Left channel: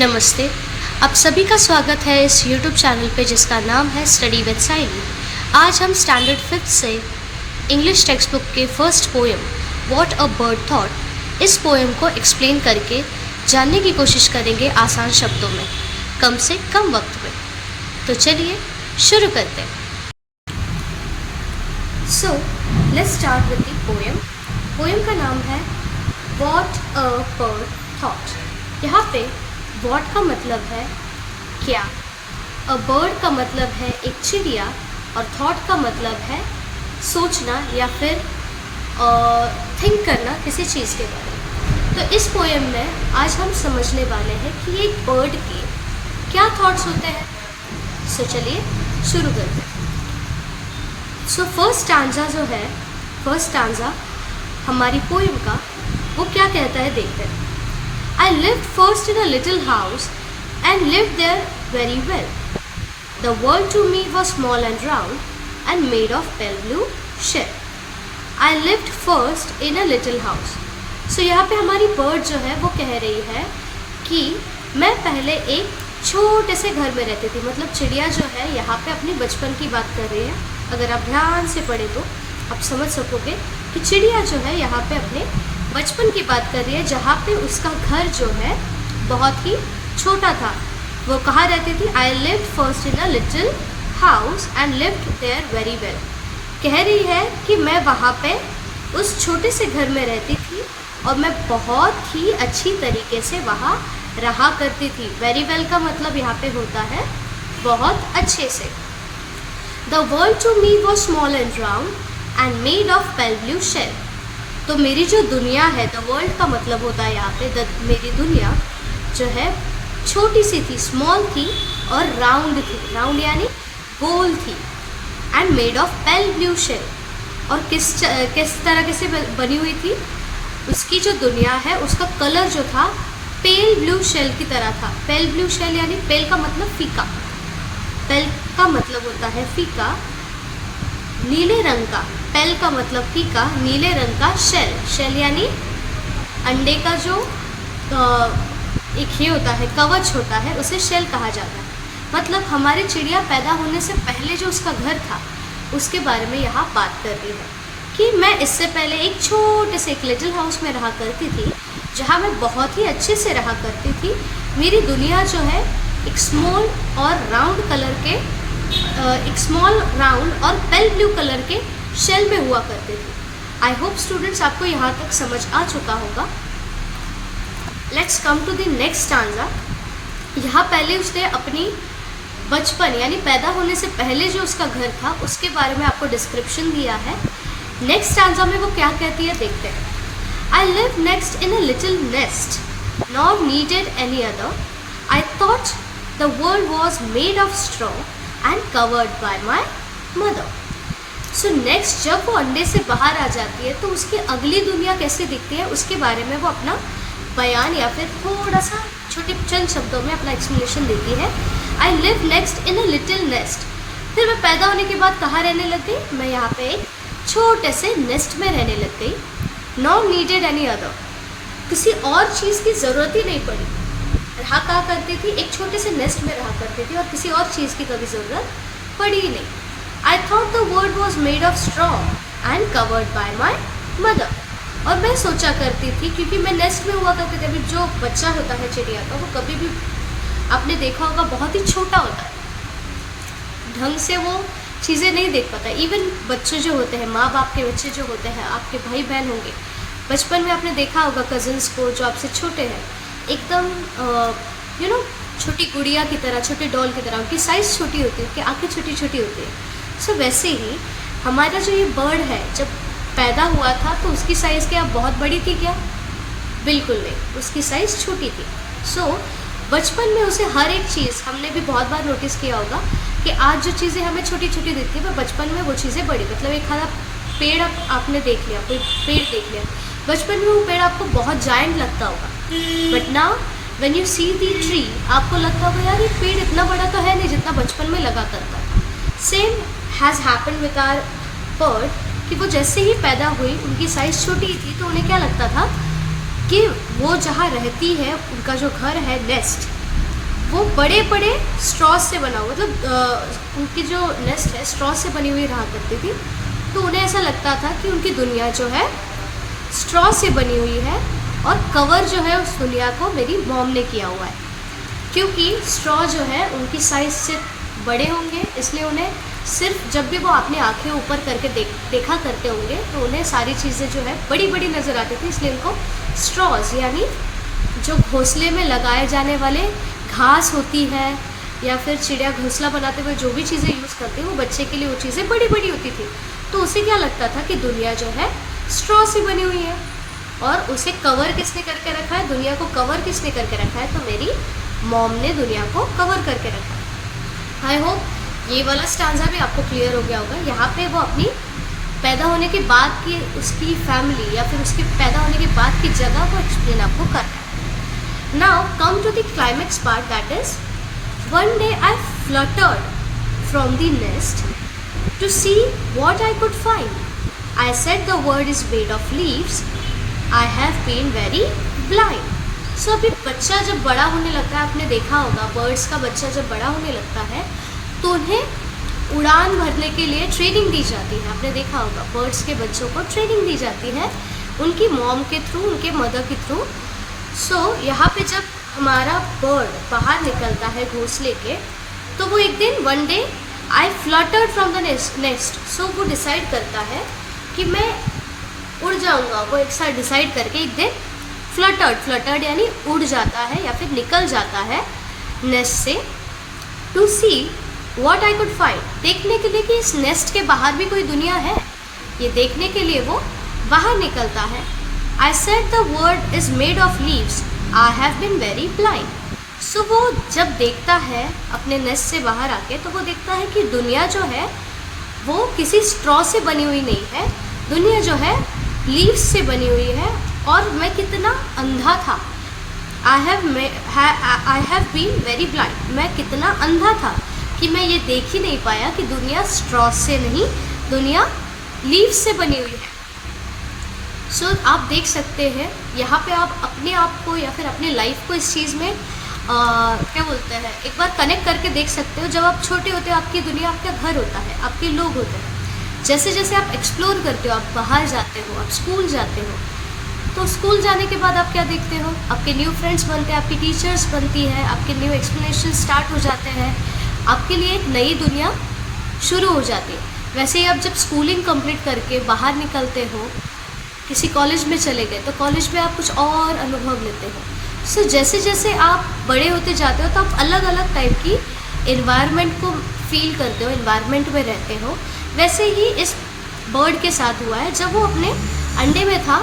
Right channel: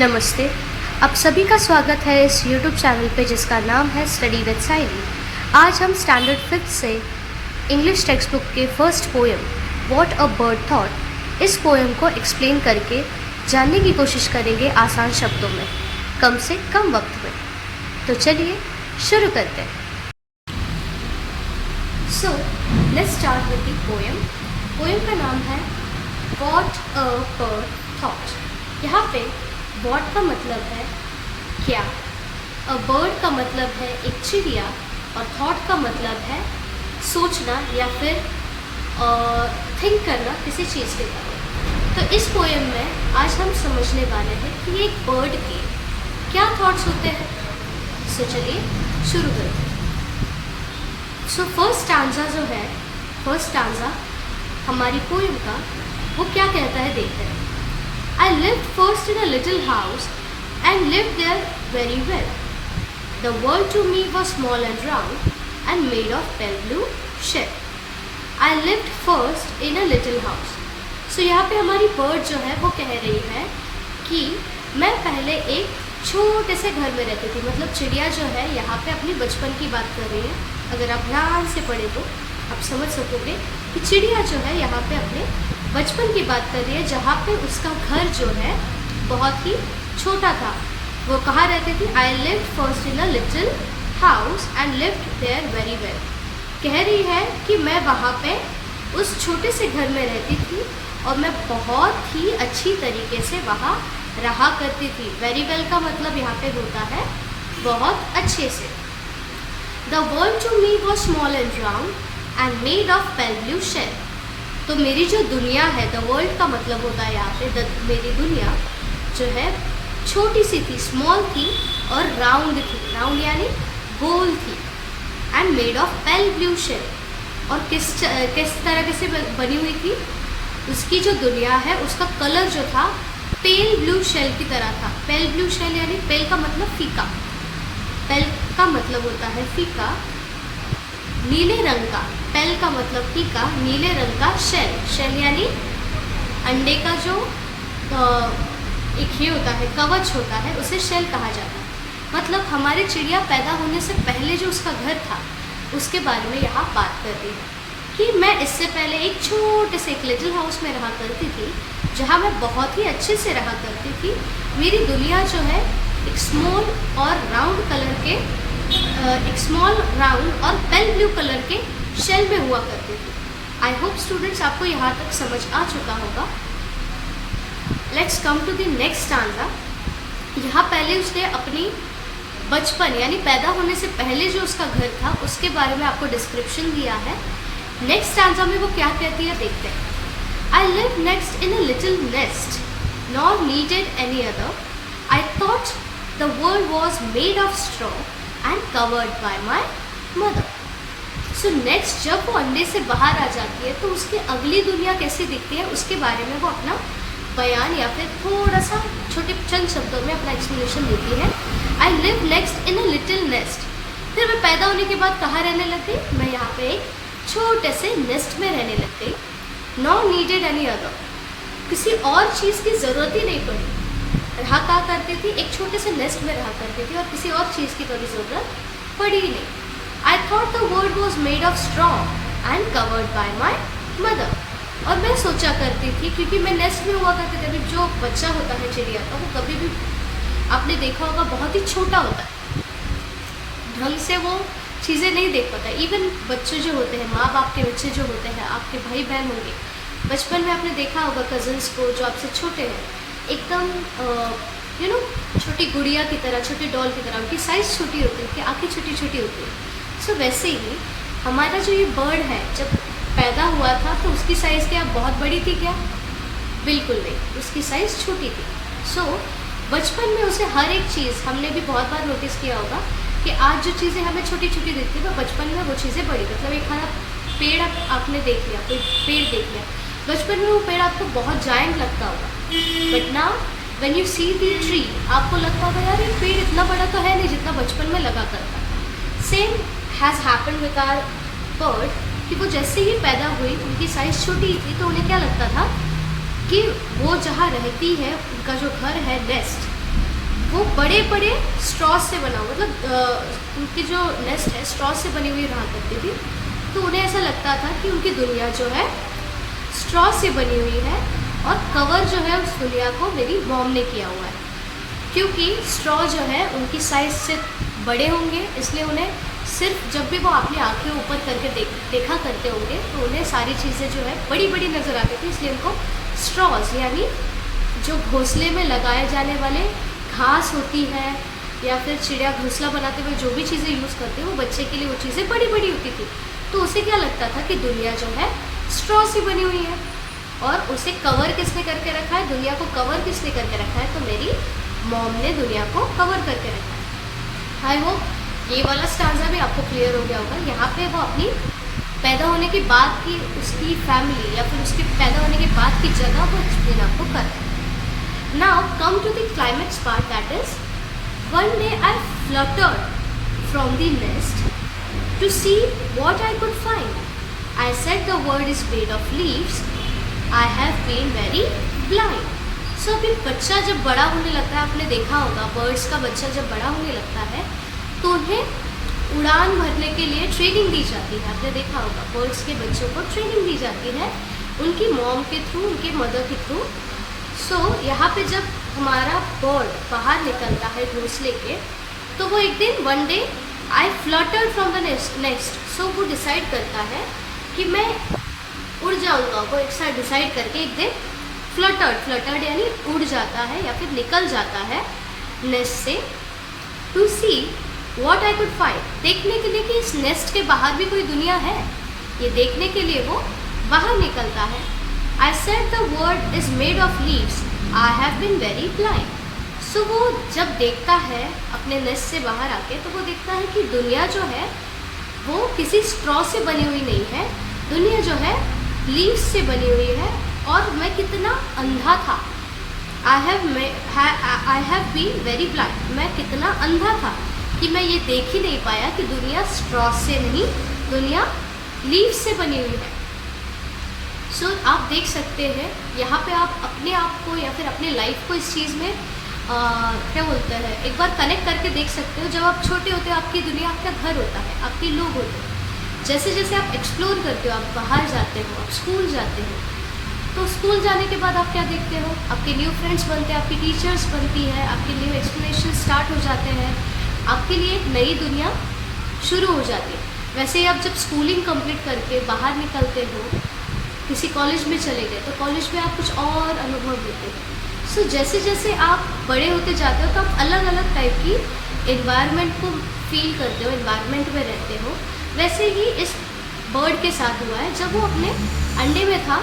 नमस्ते। आप सभी का स्वागत है इस YouTube चैनल पे जिसका नाम है स्टडी विद साइली। आज हम स्टैंडर्ड 5th से इंग्लिश टेक्स्ट बुक के first poem what a bird thought इस पोएम को एक्सप्लेन करके जानने की कोशिश करेंगे आसान शब्दों में, कम से कम वक्त में। तो चलिए शुरू करते हैं। So let's start with the poem. Poem का नाम है व्हाट अ बर्ड थॉट। यहाँ पे व्हाट का मतलब है क्या, अ बर्ड का मतलब है एक चिड़िया, और थॉट का मतलब है सोचना या फिर थिंक करना किसी चीज़ के बारे में। तो इस पोएम में आज हम समझने वाले हैं कि एक बर्ड के क्या थॉट्स होते हैं। सो चलिए शुरू करते हैं। सो फर्स्ट स्टैंजा जो है, फर्स्ट स्टैंजा हमारी पोएम का, वो क्या कहता है देखते हैं। I lived first in a little house and lived there very well. The world to me was small and round and made of pale blue shell. I lived first in a little house. So यहाँ पे हमारी bird जो है वो कह रही है कि मैं पहले एक छोटे से घर में रहती थी। मतलब चिड़िया जो है यहाँ पे अपनी बचपन की बात कर रही है। अगर आप ध्यान से पढ़े तो आप समझ सकोगे कि चिड़िया जो है यहाँ पे अपने बचपन की बात कर रही है, जहाँ पे उसका घर जो है बहुत ही छोटा था। वो कहाँ रहती थी? I lived first in a little house and lived there very well. कह रही है कि मैं वहाँ पे उस छोटे से घर में रहती थी और मैं बहुत ही अच्छी तरीके से वहाँ रहा करती थी। वेरी वेल का मतलब यहाँ पे होता है बहुत अच्छे से। The world to me was small and round and made of pale blue shell. तो मेरी जो दुनिया है, द वर्ल्ड का मतलब होता है यहाँ पे मेरी दुनिया जो है छोटी सी थी, स्मॉल थी और राउंड थी। राउंड यानी गोल थी। And made of pale blue shell. और किस तरह से बनी हुई थी? उसकी जो दुनिया है उसका कलर जो था पेल ब्लू शेल की तरह था। पेल ब्लू शेल यानी पेल का मतलब फीका, पेल का मतलब होता है फीका, नीले रंग का। पेल का मतलब फीका, नीले रंग का शेल। शेल यानी अंडे का जो एक ये होता है, कवच होता है, उसे शेल कहा जाता है। मतलब हमारी चिड़िया पैदा होने से पहले जो उसका घर था उसके बारे में यहाँ बात कर रही है कि मैं इससे पहले एक छोटे से एक लिटिल हाउस में रहा करती थी, जहाँ मैं बहुत ही अच्छे से रहा करती थी। मेरी दुनिया जो है एक स्मॉल और राउंड कलर के, एक स्मॉल राउंड और पेल ब्लू कलर के शेल में हुआ करती थी। आई होप स्टूडेंट्स आपको यहाँ तक समझ आ चुका होगा। Let's come to the next stanza. यहाँ पहले उसने अपनी बचपन यानी पैदा होने से पहले जो उसका घर था उसके बारे में आपको डिस्क्रिप्शन दिया है। नेक्स्ट स्टैंजा में वो क्या कहती है देखते हैं। I live next in a little nest not needed any other. I thought the world was made of straw and covered by my mother. So next जब वो अंडे से बाहर आ जाती है तो उसकी अगली दुनिया कैसे दिखती है उसके बारे में वो अपना बयान या फिर थोड़ा सा छोटे चंद शब्दों में अपना एक्सप्लेनेशन देती है। I live next in a little nest. फिर मैं पैदा होने के बाद कहाँ रहने लग गई? मैं यहाँ पे एक छोटे से नेस्ट में रहने लग गई। Not needed any other. किसी और चीज़ की ज़रूरत ही नहीं पड़ी। रहा कहाँ करती थी? एक छोटे से नेस्ट में रहा करती थी और किसी और चीज़ की कभी ज़रूरत पड़ी ही नहीं। I thought the world was made of straw and covered by my mother। और मैं सोचा करती थी, क्योंकि मैं नेस्ट में हुआ करती थी, जो बच्चा होता है चिड़िया का वो कभी भी आपने देखा होगा बहुत ही छोटा होता है, ढंग से वो चीज़ें नहीं देख पाता। इवन बच्चे जो होते हैं, माँ बाप के बच्चे जो होते हैं, आपके भाई बहन होंगे, बचपन में आपने देखा होगा कज़न्स को जो आपसे छोटे हैं, एकदम छोटी गुड़िया की तरह, छोटी डॉल की तरह, उनकी साइज़ छोटी होती है, उनकी आँखें छोटी छोटी होती है। सो वैसे ही हमारा जो ये बर्ड है जब पैदा हुआ था तो उसकी साइज़ क्या बहुत बड़ी थी क्या? बिल्कुल नहीं, उसकी साइज़ छोटी थी। सो बचपन में उसे हर एक चीज़, हमने भी बहुत बार नोटिस किया होगा कि आज जो चीज़ें हमें छोटी छोटी दिखती है, पर बचपन में वो चीज़ें बड़ी। मतलब एक हरा पेड़ आपने देख लिया, कोई पेड़ देख लिया, बचपन में वो पेड़ आपको बहुत जायंट लगता होगा, but now when you see the tree आपको लगता होगा यार एक पेड़ इतना बड़ा तो है नहीं जितना बचपन में लगा करता। Same has happen with our bird कि वो जैसे ही पैदा हुई उनकी साइज़ छोटी थी तो उन्हें क्या लगता था कि वो जहाँ रहती है, उनका जो घर है नेस्ट, वो बड़े बड़े स्ट्रॉ से बना हुआ, मतलब उनकी जो नेस्ट है स्ट्रॉ से बनी हुई रहा करती थी। तो उन्हें ऐसा लगता था कि उनकी दुनिया जो है स्ट्रॉ से बनी हुई है और कवर जो है उस दुनिया को मेरी मॉम ने किया हुआ है, क्योंकि स्ट्रॉ जो है उनकी साइज़ से बड़े होंगे, इसलिए उन्हें सिर्फ जब भी वो अपनी आंखें ऊपर करके देखा करते होंगे तो उन्हें सारी चीज़ें जो है बड़ी बड़ी नज़र आती थी, इसलिए उनको स्ट्रॉज यानी जो घोंसले में लगाए जाने वाले घास होती है या फिर चिड़िया घोंसला बनाते हुए जो भी चीज़ें यूज़ करते हैं वो बच्चे के लिए वो चीज़ें बड़ी बड़ी होती थी। तो उसे क्या लगता था कि दुनिया जो है स्ट्रॉ से बनी हुई है और उसे कवर किसने करके रखा है, दुनिया को कवर किसने करके रखा है, तो मेरी मॉम ने दुनिया को कवर करके रखा है। आई होप ये वाला स्टांजा भी आपको क्लियर हो गया होगा। यहाँ पे वो अपनी पैदा होने के बाद की उसकी फैमिली या फिर उसकी पैदा होने के बाद की जगह को एक्सप्लेन आपको करता है। Now come to the climax part, that is, one day I fluttered from the nest to see what I could find. I said the world is made of leaves. I have been very blind. So अभी बच्चा जब बड़ा होने लगता है, आपने देखा होगा बर्ड्स का बच्चा जब बड़ा होने लगता है तो उन्हें उड़ान भरने के लिए ट्रेनिंग दी जाती है। आपने देखा होगा बर्ड्स के बच्चों को ट्रेनिंग दी जाती है उनकी मॉम के थ्रू, उनके मदर के थ्रू। सो यहाँ पे जब हमारा बर्ड बाहर निकलता है घोंसले के, तो वो एक दिन one day I fluttered from the nest. So वो डिसाइड करता है कि मैं उड़ जाऊँगा। वो एक साथ डिसाइड करके एक दिन फ्लटर्ड यानी उड़ जाता है या फिर निकल जाता है नेस्ट से, to see what I could find, देखने के लिए कि इस नेस्ट के बाहर भी कोई दुनिया है, ये देखने के लिए वो बाहर निकलता है। I said the world is made of leaves. I have been very blind. So वो जब देखता है अपने नेस्ट से बाहर आके, तो वो देखता है कि दुनिया जो है वो किसी स्ट्रॉ से बनी हुई नहीं है, दुनिया जो है लीव्स से बनी हुई है। और मैं कितना अंधा था, I have been very blind. मैं कितना अंधा था कि मैं ये देख ही नहीं पाया कि दुनिया स्ट्रॉ से नहीं, दुनिया लीव्स से बनी हुई है। सो आप देख सकते हैं यहाँ पे आप अपने आप को या फिर अपनी लाइफ को इस चीज़ में क्या बोलते हैं, एक बार कनेक्ट करके देख सकते हो। जब आप छोटे होते हो आपकी दुनिया आपका घर होता है, आपके लोग होते हैं। जैसे जैसे आप एक्सप्लोर करते हो, आप बाहर जाते हो, आप स्कूल जाते हो, तो स्कूल जाने के बाद आप क्या देखते हो, आपके न्यू फ्रेंड्स बनते हैं, आपकी टीचर्स बनती है, आपके न्यू एक्सप्लेनेशन स्टार्ट हो जाते हैं, आपके लिए एक नई दुनिया शुरू हो जाती है। वैसे ही आप जब स्कूलिंग कंप्लीट करके बाहर निकलते हो, किसी कॉलेज में चले गए, तो कॉलेज में आप कुछ और अनुभव लेते हो। सो जैसे जैसे आप बड़े होते जाते हो तो आप अलग अलग टाइप की इन्वायरमेंट को फील करते हो, इन्वायरमेंट में रहते हो। वैसे ही इस बर्ड के साथ हुआ है। जब वो अपने अंडे में था,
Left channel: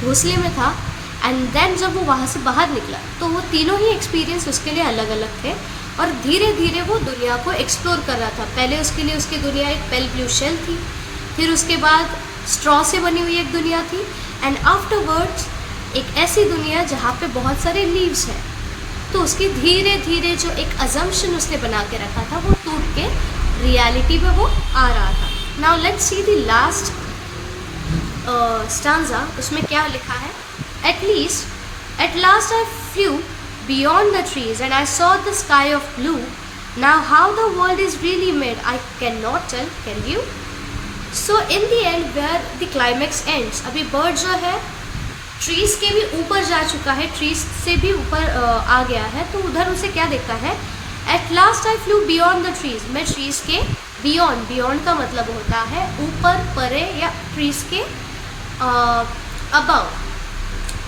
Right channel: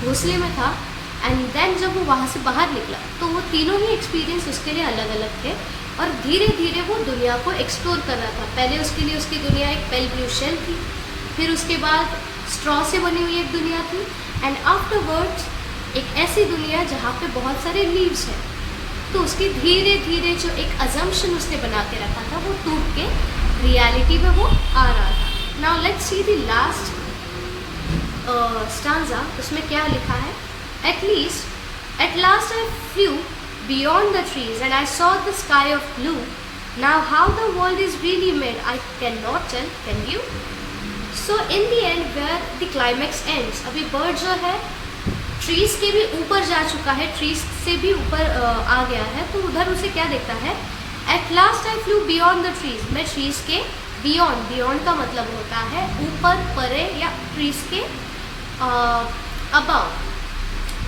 घोंसले में था, एंड देन जब वो वहाँ से बाहर निकला तो वो तीनों ही एक्सपीरियंस उसके लिए अलग अलग थे और धीरे धीरे वो दुनिया को एक्सप्लोर कर रहा था। पहले उसके लिए उसकी दुनिया एक पेल ब्लू शेल थी, फिर उसके बाद स्ट्रॉ से बनी हुई एक दुनिया थी, एंड आफ्टरवर्ड्स एक ऐसी दुनिया जहाँ पे बहुत सारे लीव्स हैं। तो उसकी धीरे धीरे जो एक अजम्पशन उसने बना के रखा था वो टूट के रियलिटी में वो आ रहा था। Now let's see the last stanza. उसमें क्या लिखा है, at last I flew beyond the trees and I saw the sky of blue, now how the world is really made I can not tell, can you. So in the end where the climax ends, अभी bird जो है trees के भी ऊपर जा चुका है, trees से भी ऊपर आ गया है, तो उधर उसे क्या देखता है, at last I flew beyond the trees, मैं ट्रीज़ के बियॉन्ड, बियॉन्ड का मतलब होता है ऊपर, परे, या ट्रीज़ के above,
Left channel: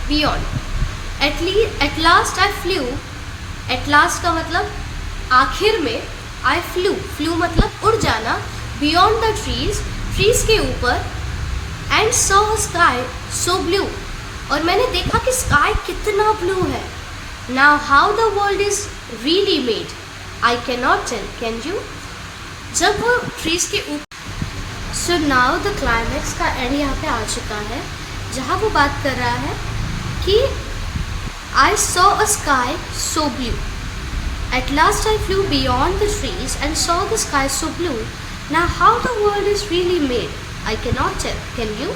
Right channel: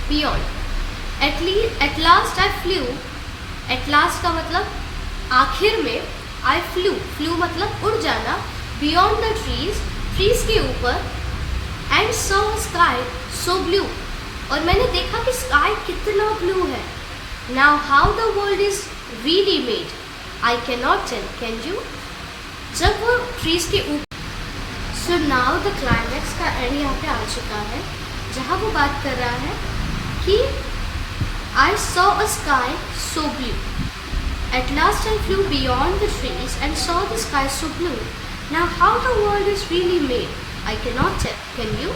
beyond. At last I flew, at last का मतलब आखिर में, आई फ्लू, फ्लू मतलब उड़ जाना, बियॉन्ड द ट्रीज़, ट्रीज़ के ऊपर, and saw a sky so blue, और मैंने देखा कि स्काई कितना ब्लू है। Now how the world is really made I can not tell, can you. जब वो ट्रीज के ऊपर, सो नाउ द क्लाइमैक्स का एंड यहाँ पे आ चुका है, जहाँ वो बात कर रहा है कि I saw a sky so blue, at last I flew beyond the trees and saw the sky so blue, now how the world is really made I can not tell, can you.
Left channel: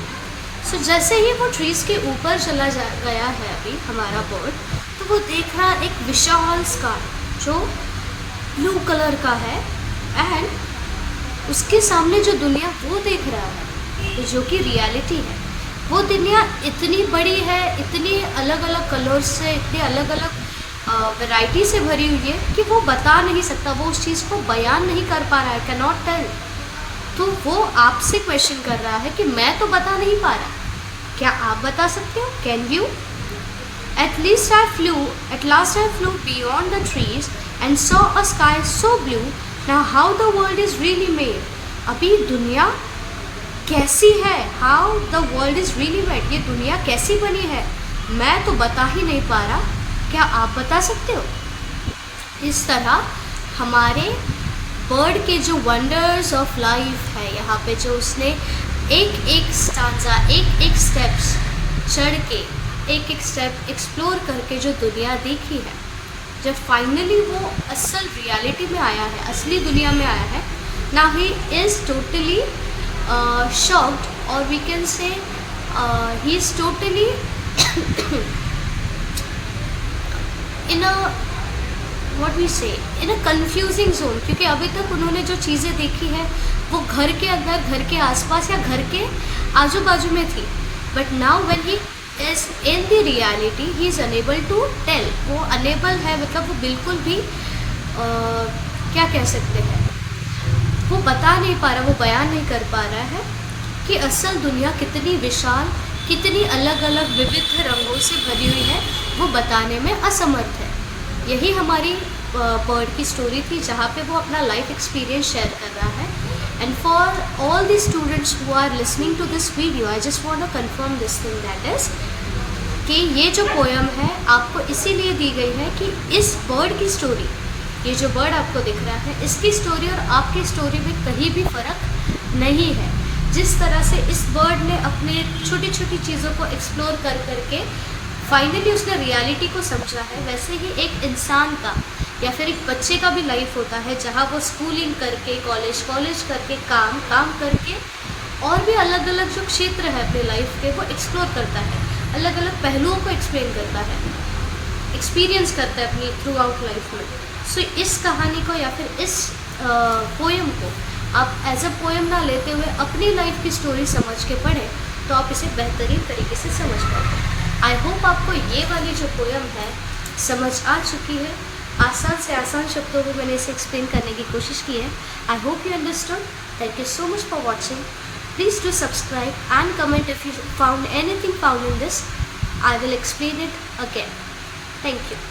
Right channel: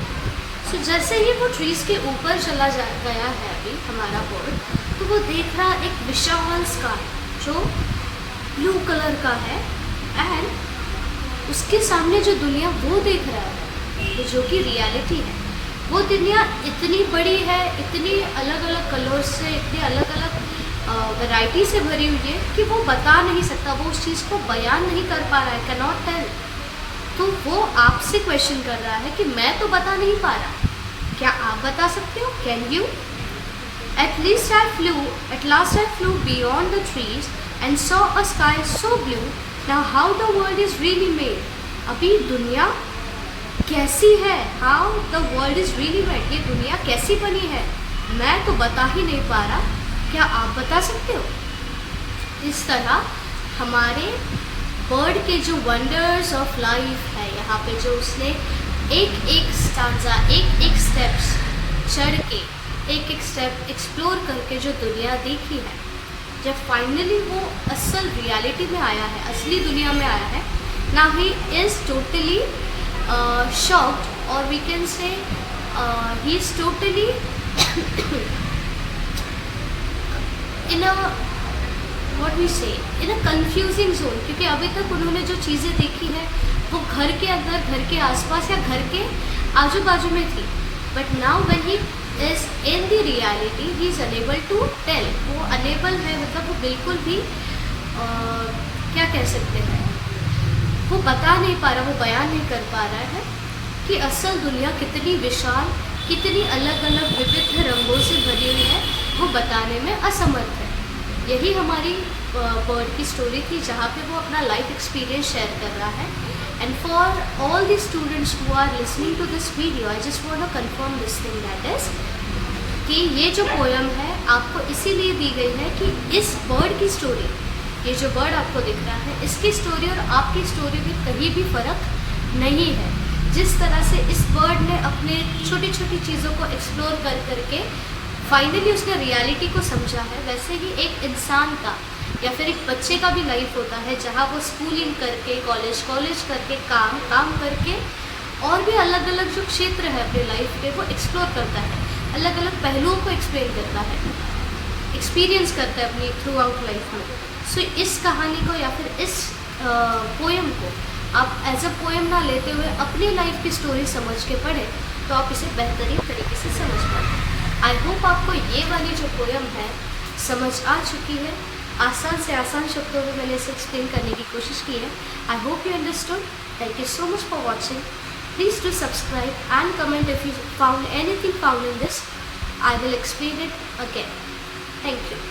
So जैसे ही वो trees के ऊपर चला गया है अभी हमारा बर्ड, तो वो देख रहा एक विशाल स्काई, जो ब्लू कलर का है, एंड उसके सामने जो दुनिया वो देख रहा है, जो कि रियलिटी है, वो दुनिया इतनी बड़ी है, इतनी अलग अलग कलर्स से, इतनी अलग अलग वैरायटी से भरी हुई है कि वो बता नहीं सकता, वो उस चीज़ को बयान नहीं कर पा रहा है, कैन नॉट टेल। तो वो आपसे क्वेश्चन कर रहा है कि मैं तो बता नहीं पा रहा, क्या आप बता सकते हो? Can you? At last I flew beyond the trees and saw a sky so blue. Now how the world is really made? अभी दुनिया कैसी है? How the world is really made? ये दुनिया कैसी बनी है? मैं तो बता ही नहीं पा रहा, क्या आप बता सकते हो? इस तरह हमारे बर्ड के जो वंडर्स ऑफ लाइफ है, यहाँ पे जो उसने एक एक स्टांजा, एक एक स्टेप्स चढ़ के, एक एक स्टेप एक्सप्लोर करके जो दुनिया देखी है, जब फाइनली वो असल रियलिटी में आया है, असली दुनिया में आया है, now he is totally shocked, और we can say he is totally in a what we say in a confusing zone, क्योंकि अभी तक उन्होंने जो चीज़ें देखी है वो घर के अंदर, घर के आसपास या घर के आजू बाजू में थी, but now when he is in the reality he is unable to tell, वो अनेबल है, मतलब वो बिल्कुल भी क्या कह सकते हैं, वो बता नहीं पा रहा, वो बयान नहीं कर पा रहा है कि असल दुनिया कितनी विशाल, कितनी अलग अलग विविध रंगों से भरी हुई है, वो बताने में असमर्थ है। यही हमारी बर्ड की स्टोरी थी, जहाँ पे वो अपना लाइफ एक्सपीरियंस शेयर कर रहा है। And for all the students who are listening to this video, I just want to confirm this thing, that is कि ये जो पोएम है आपको इसीलिए दी गई है कि इस बर्ड की स्टोरी, ये जो बर्ड आपको दिख रहा है, इसकी स्टोरी और आपकी स्टोरी में कहीं भी फ़र्क नहीं है। जिस तरह से इस बर्ड ने अपने छोटी छोटी चीज़ों को एक्सप्लोर कर करके फाइनली उसने रियलिटी को समझा है, वैसे ही एक इंसान का या फिर एक बच्चे का भी लाइफ होता है, जहाँ वो स्कूलिंग करके, कॉलेज करके, काम करके, और भी अलग अलग जो क्षेत्र है अपने लाइफ के वो एक्सप्लोर करता है, अलग अलग पहलुओं को एक्सप्लेन करता है, एक्सपीरियंस करता है अपनी थ्रू आउट लाइफ में। सो इस कहानी को या फिर इस पोएम को आप एज अ पोएम ना लेते हुए अपनी लाइफ की स्टोरी समझ के पढ़ें, तो आप इसे बेहतरीन तरीके से समझ पाएंगे। आई होप आपको ये वाली जो पोएम है समझ आ चुकी है, आसान से आसान शब्दों में मैंने इसे एक्सप्लेन करने की कोशिश की है। I hope you understood. Thank you so much for watching. Please do subscribe and comment if you found anything found in this. I will explain it again. Thank you.